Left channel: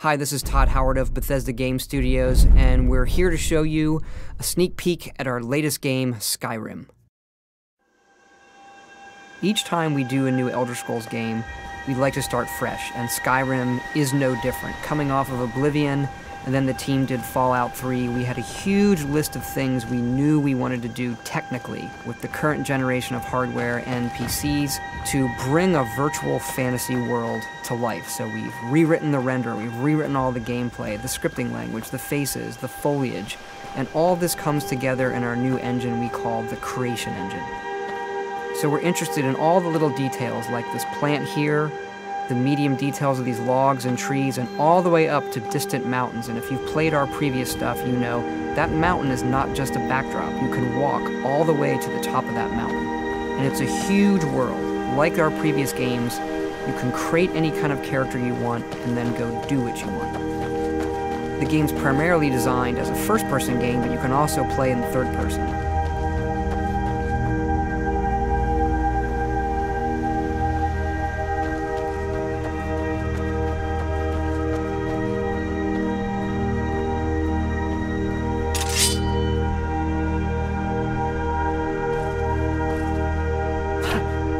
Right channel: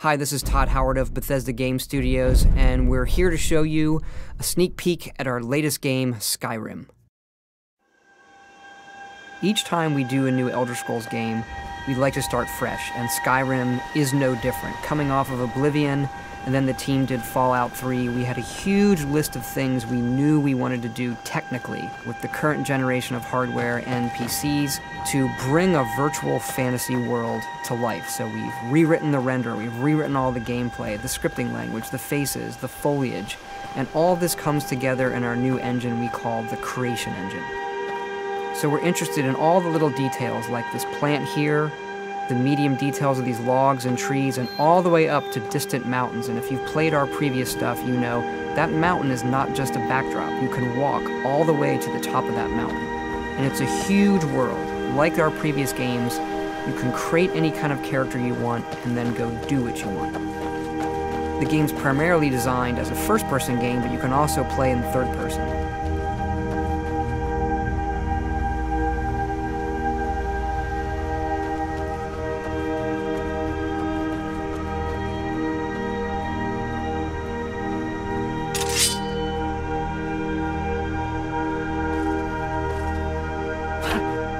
Hi, this is Todd Howard of Bethesda Game Studios, and we're here to show you a sneak peek at our latest game, Skyrim. Each time we do a new Elder Scrolls game, we'd like to start fresh, and Skyrim is no different. Coming off of Oblivion, and then the team did Fallout 3, we had a huge list of things we knew we wanted to do technically with the current generation of hardware and PCs to bring a virtual fantasy world to life. So we've rewritten the render, we've rewritten all the gameplay, the scripting language, the faces, the foliage, and all this comes together in our new engine we call the Creation Engine. So we're interested in all the little details like this plant here, the medium details of these logs and trees, and all the way up to distant mountains. And if you've played our previous stuff, you know that mountain is not just a backdrop. You can walk all the way to the top of that mountain. And it's a huge world. Like our previous games, you can create any kind of character you want and then go do what you want. The game's primarily designed as a first-person game, but you can also play in third person.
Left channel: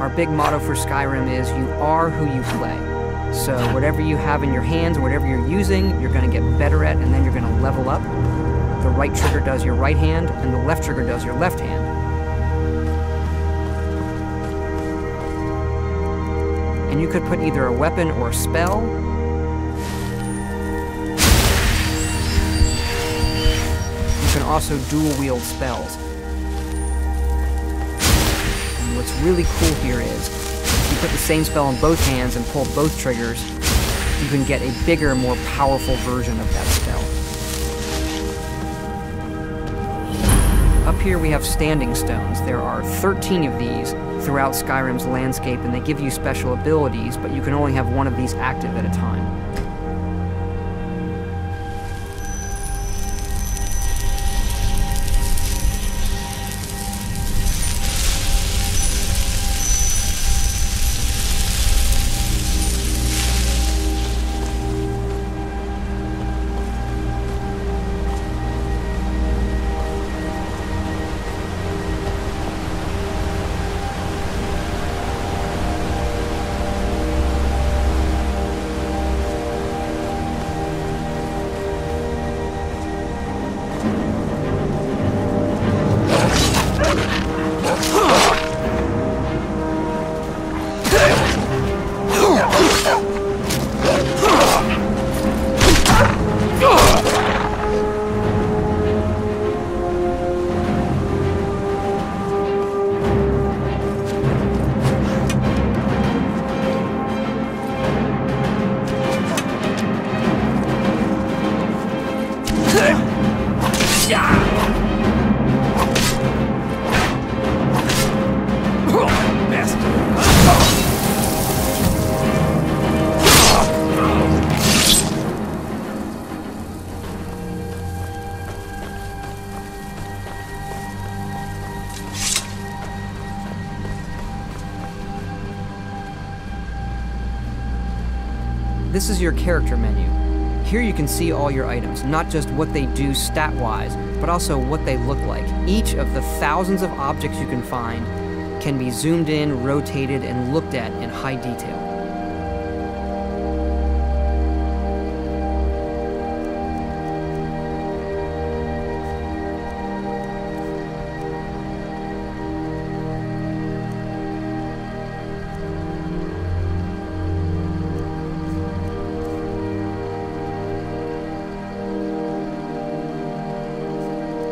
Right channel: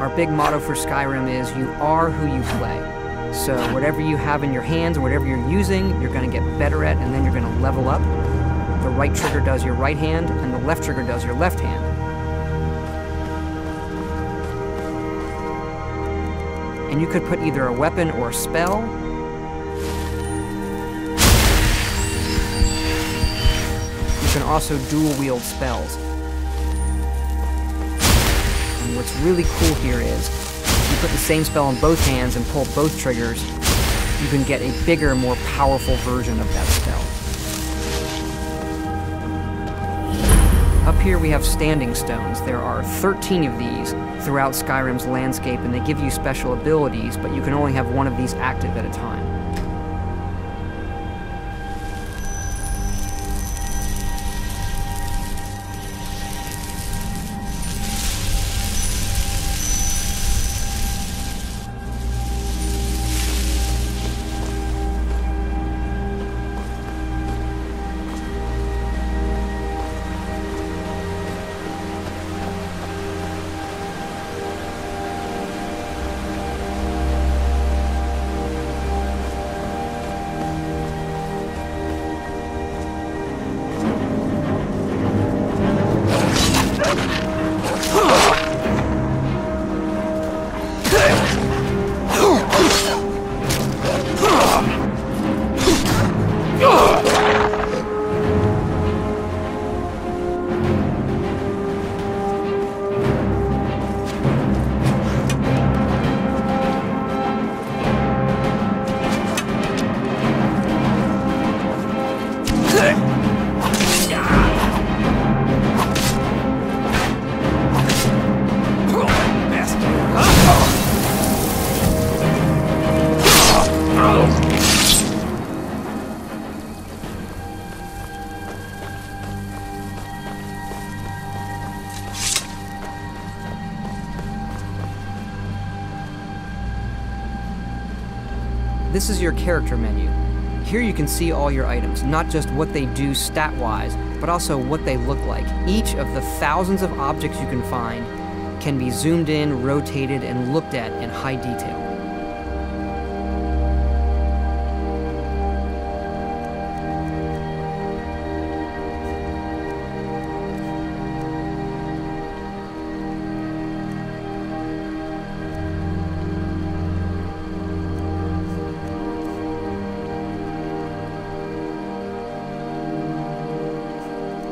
Our big motto for Skyrim is, you are who you play. So whatever you have in your hands, or whatever you're using, you're going to get better at, and then you're going to level up. The right trigger does your right hand, and the left trigger does your left hand. And you could put either a weapon or a spell. You can also dual wield spells. What's really cool here is, if you put the same spell in both hands and pull both triggers, you can get a bigger, more powerful version of that spell. Up here we have standing stones. There are 13 of these throughout Skyrim's landscape, and they give you special abilities, but you can only have one of these active at a time. This is your character menu. Here you can see all your items, not just what they do stat-wise, but also what they look like. Each of the thousands of objects you can find can be zoomed in, rotated, and looked at in high detail.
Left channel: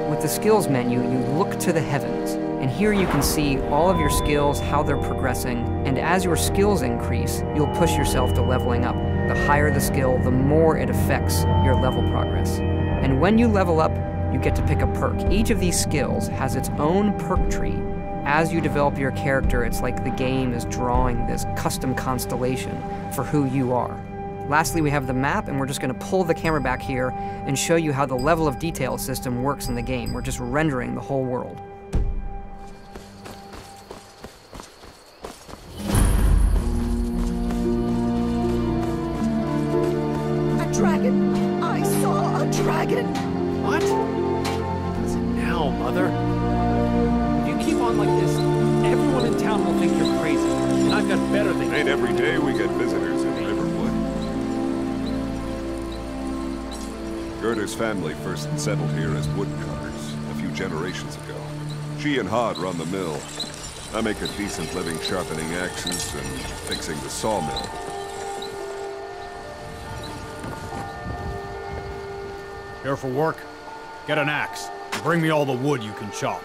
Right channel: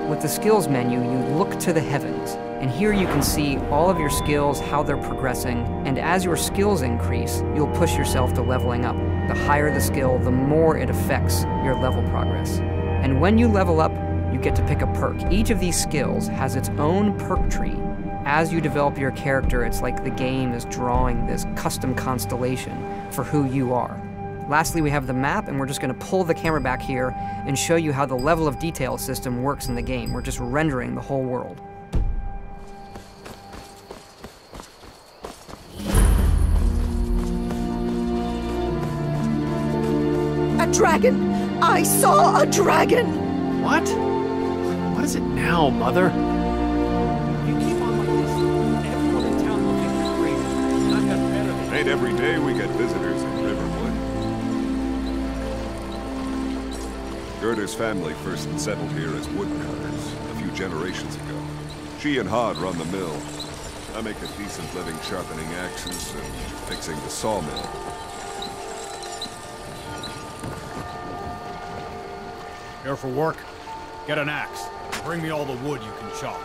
With the skills menu, you look to the heavens, and here you can see all of your skills, how they're progressing, and as your skills increase, you'll push yourself to leveling up. The higher the skill, the more it affects your level progress. And when you level up, you get to pick a perk. Each of these skills has its own perk tree. As you develop your character, it's like the game is drawing this custom constellation for who you are. Lastly, we have the map, and we're just going to pull the camera back here and show you how the level of detail system works in the game. We're just rendering the whole world. A dragon! I saw a dragon! What? What is it now, Mother? Ain't every day we get visitors in Riverwood. Gerda's family first settled here as woodcutters a few generations ago. She and Hod run the mill. I make a decent living sharpening axes and fixing the sawmill. Here for work? Get an axe. Bring me all the wood you can chop.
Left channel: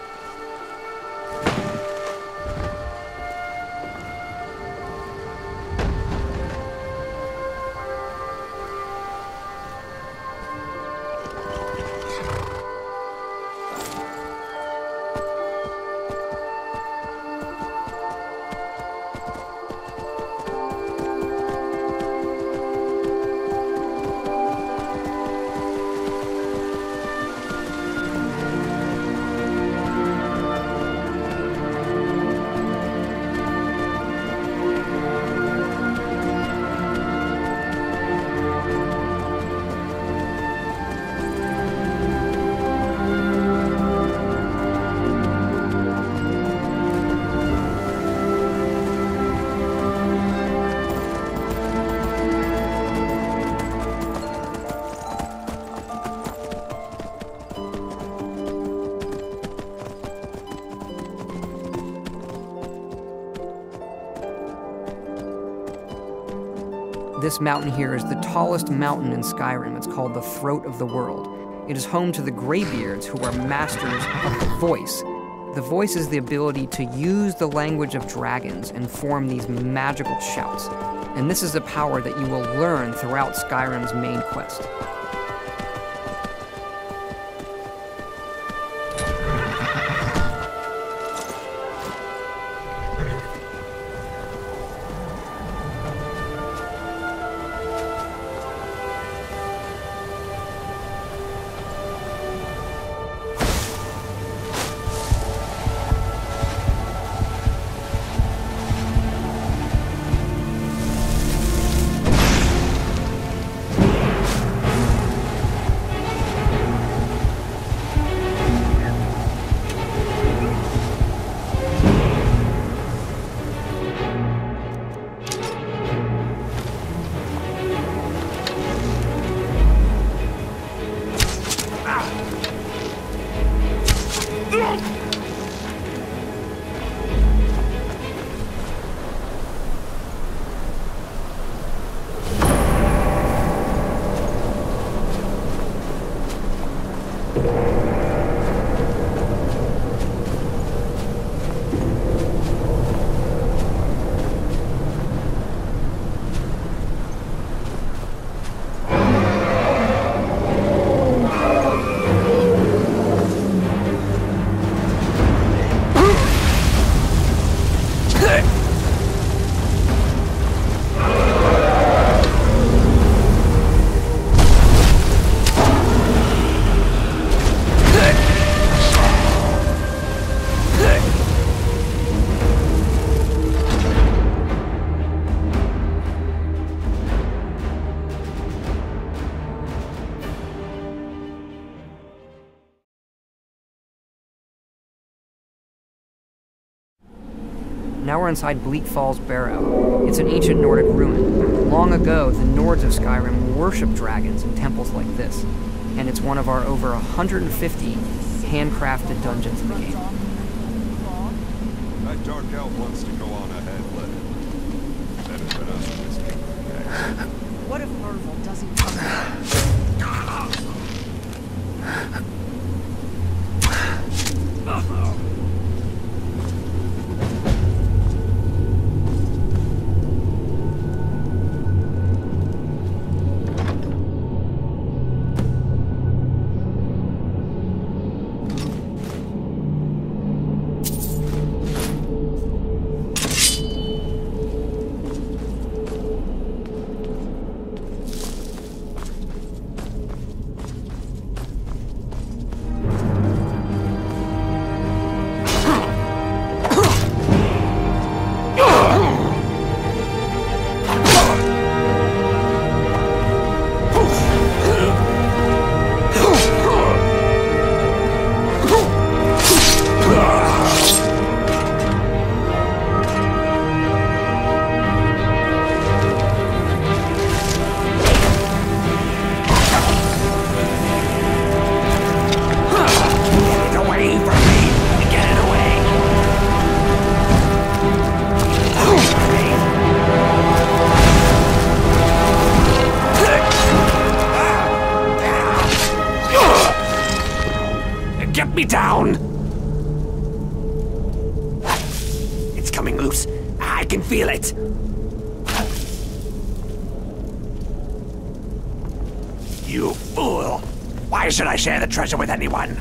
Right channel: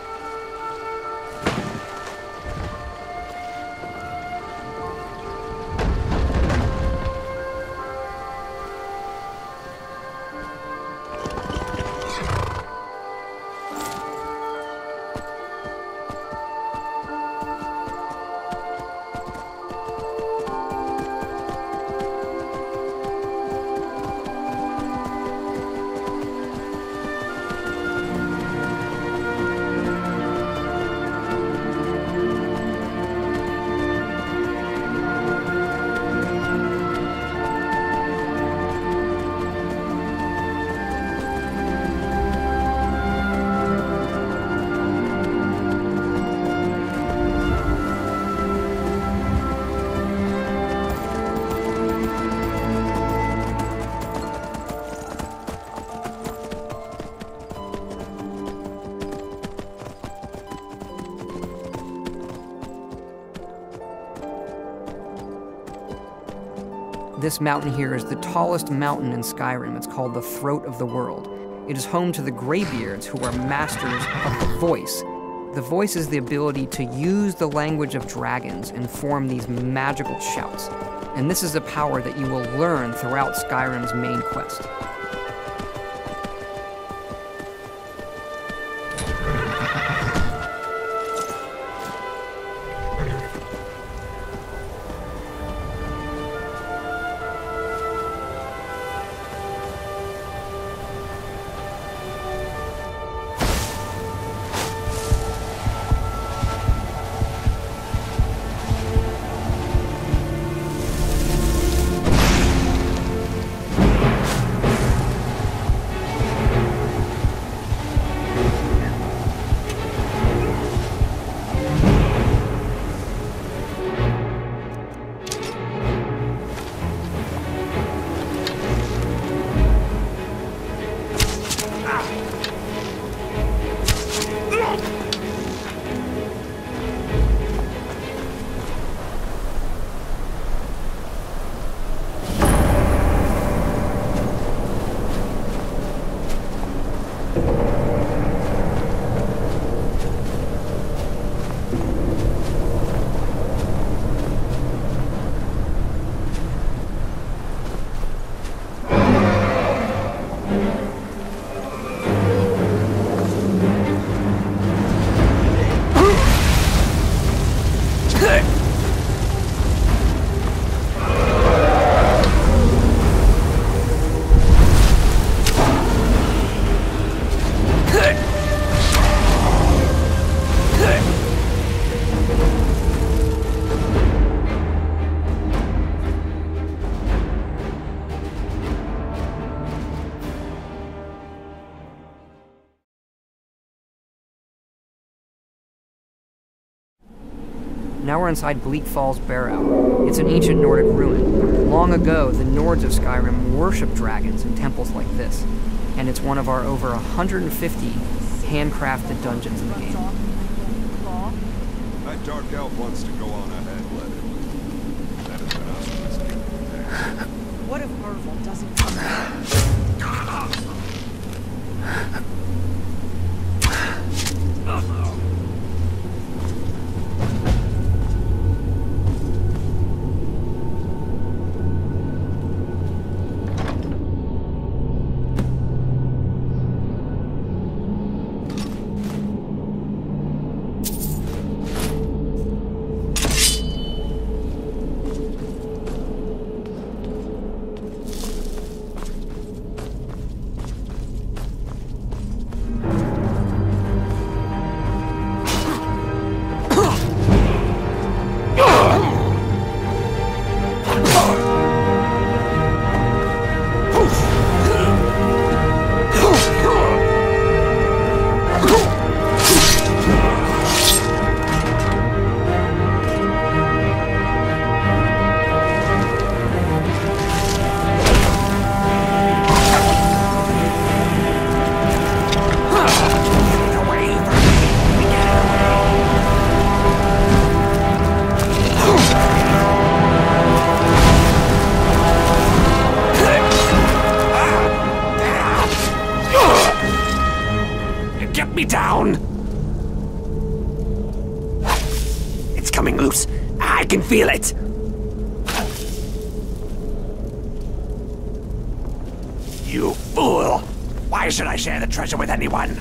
This mountain here is the tallest mountain in Skyrim. It's called the Throat of the World. It is home to the Greybeards, who are masters of the voice. The voice is the ability to use the language of dragons and form these magical shouts. And this is a power that you will learn throughout Skyrim's main quest. Now we're inside Bleak Falls Barrow. It's an ancient Nordic ruin. Long ago, the Nords of Skyrim worshipped dragons in temples like this, and it's one of our over 150 handcrafted dungeons in the game. That dark elf wants to go on ahead, let him. Better than us whisking next. What if Arvel doesn't come back? can feel it! You fool! Why should I share the treasure with anyone?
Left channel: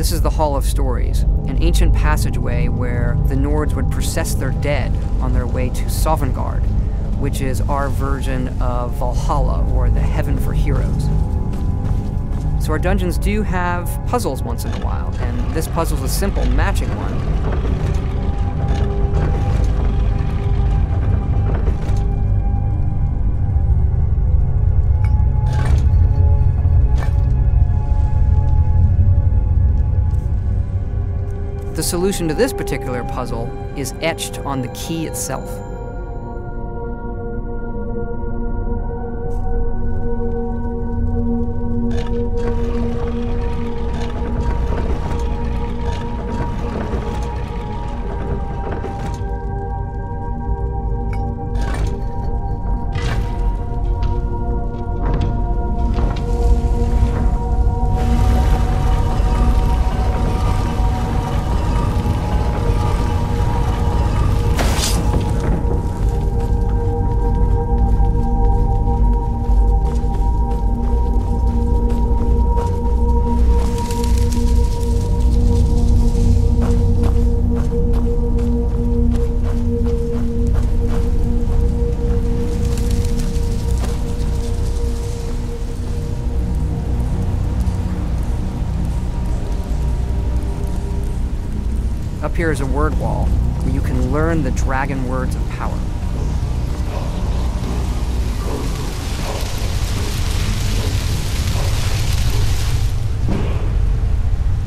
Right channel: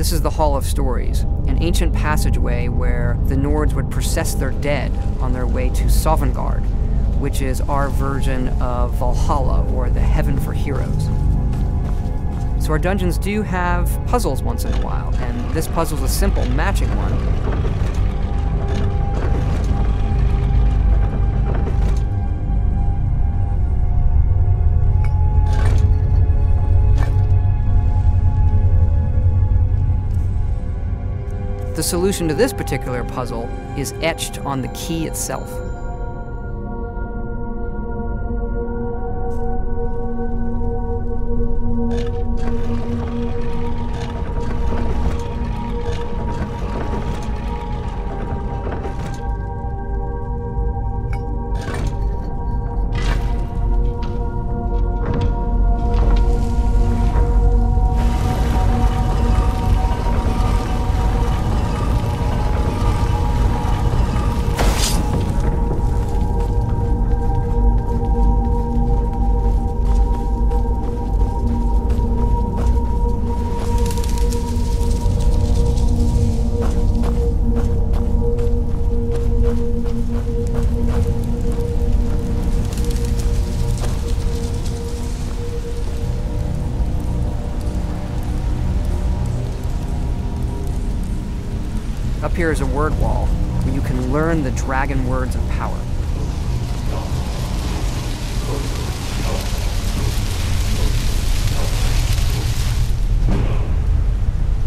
This is the Hall of Stories, an ancient passageway where the Nords would process their dead on their way to Sovngarde, which is our version of Valhalla, or the Heaven for Heroes. So our dungeons do have puzzles once in a while, and this puzzle's a simple matching one. The solution to this particular puzzle is etched on the key itself. Up here is a word wall where you can learn the dragon words of power.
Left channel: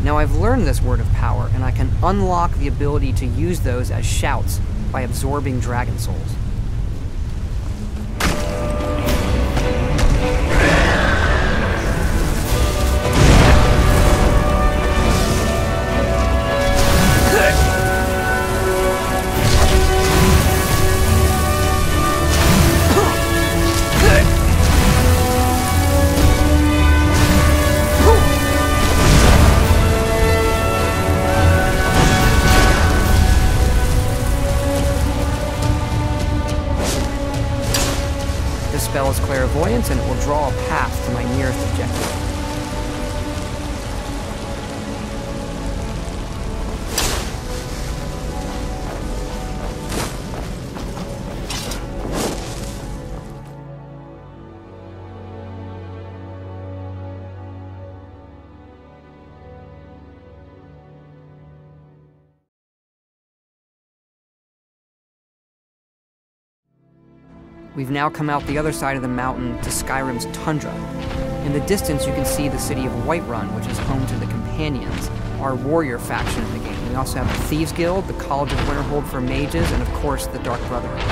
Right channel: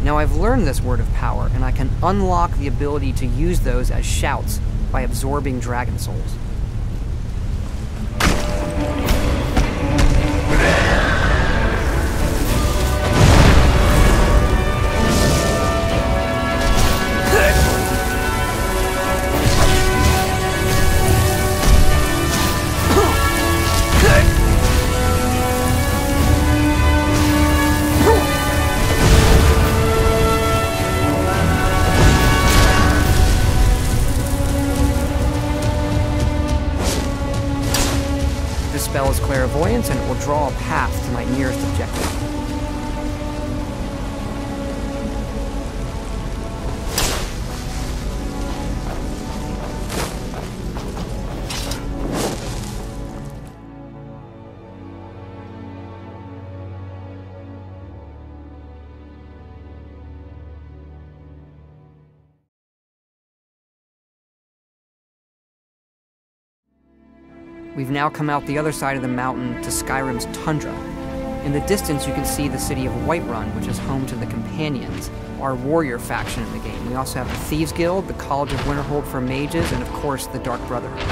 Now I've learned this word of power, and I can unlock the ability to use those as shouts by absorbing dragon souls. This spell is clairvoyance, and it will draw a path to my nearest objective. We've now come out the other side of the mountain to Skyrim's tundra. In the distance, you can see the city of Whiterun, which is home to the Companions, our warrior faction in the game. We also have the Thieves Guild, the College of Winterhold for mages, and of course, the Dark Brotherhood.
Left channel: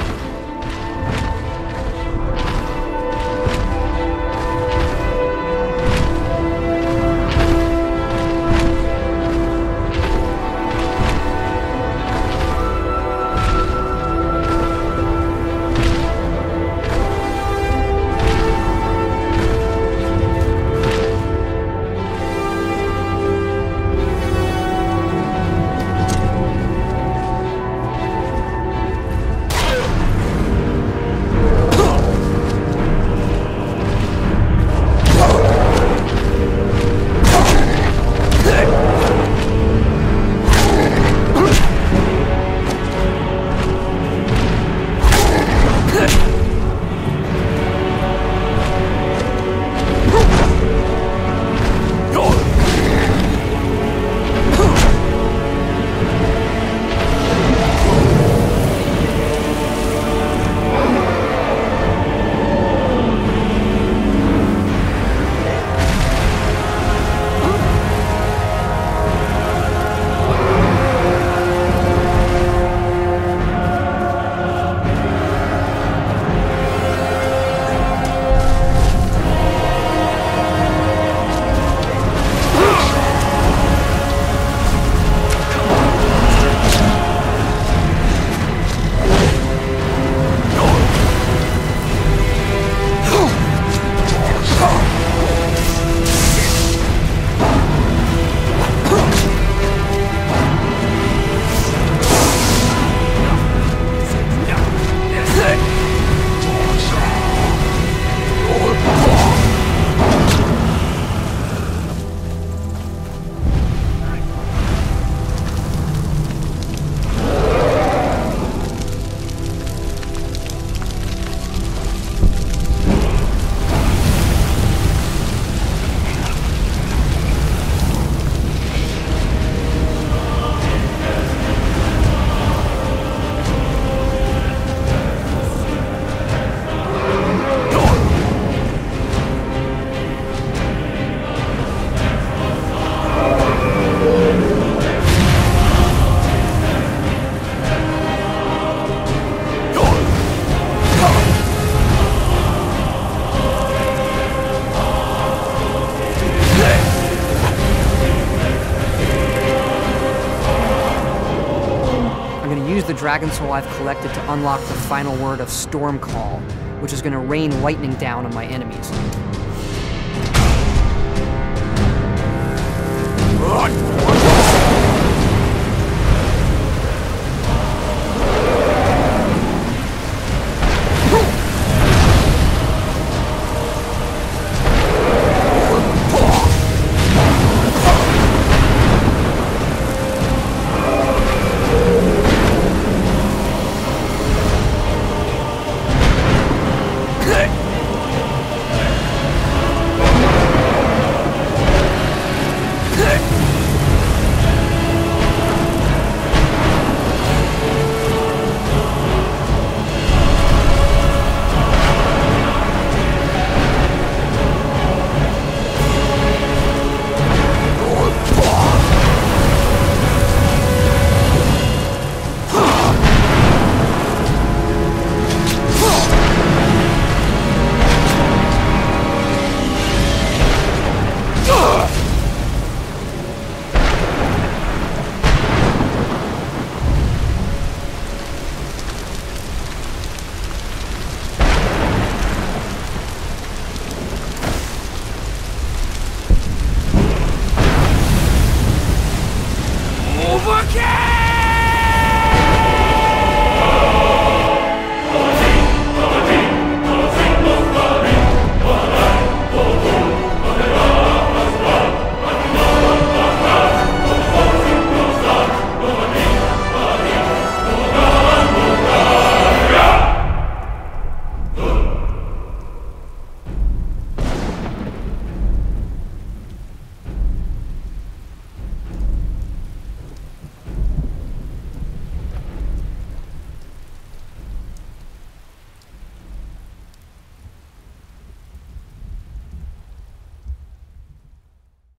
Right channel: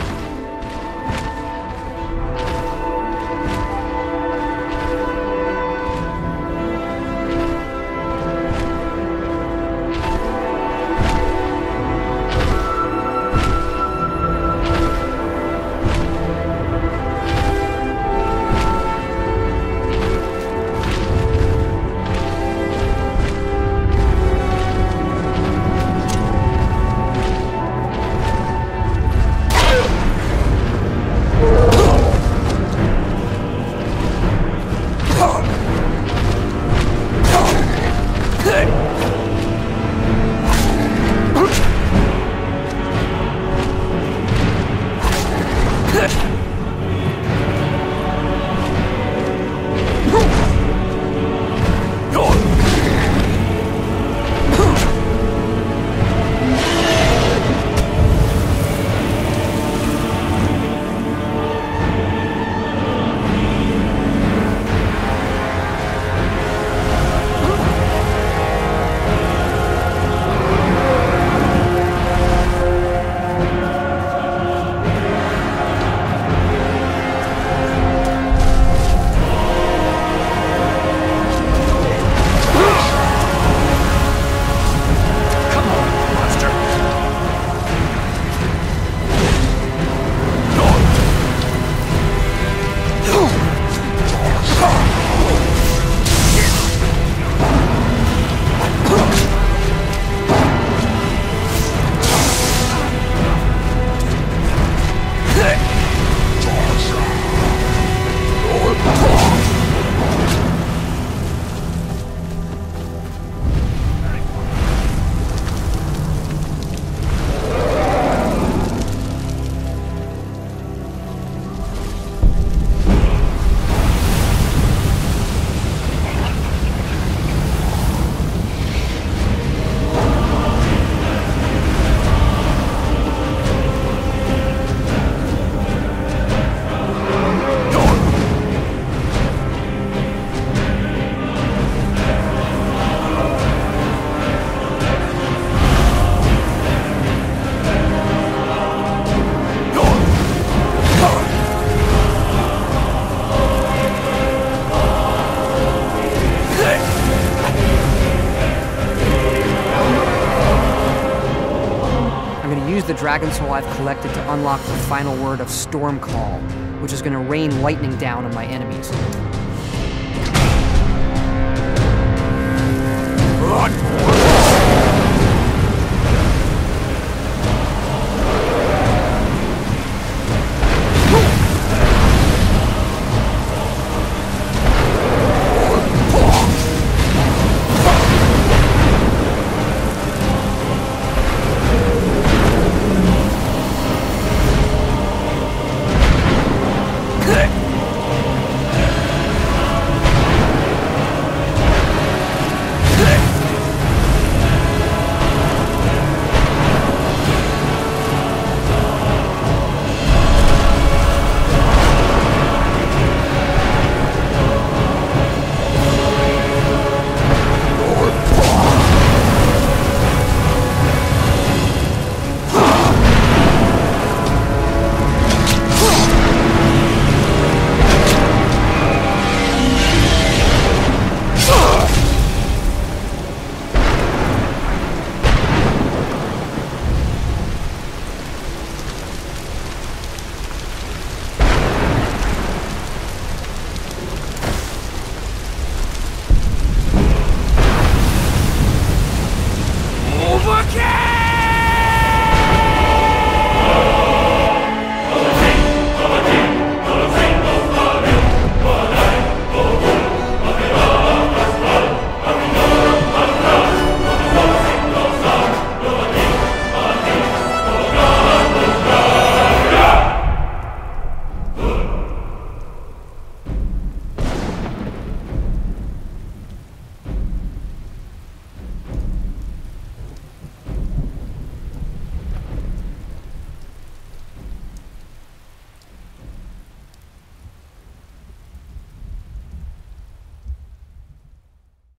Use the Dragon Soul I've collected to unlock the final word of Storm Call, which is going to rain lightning down on my enemies.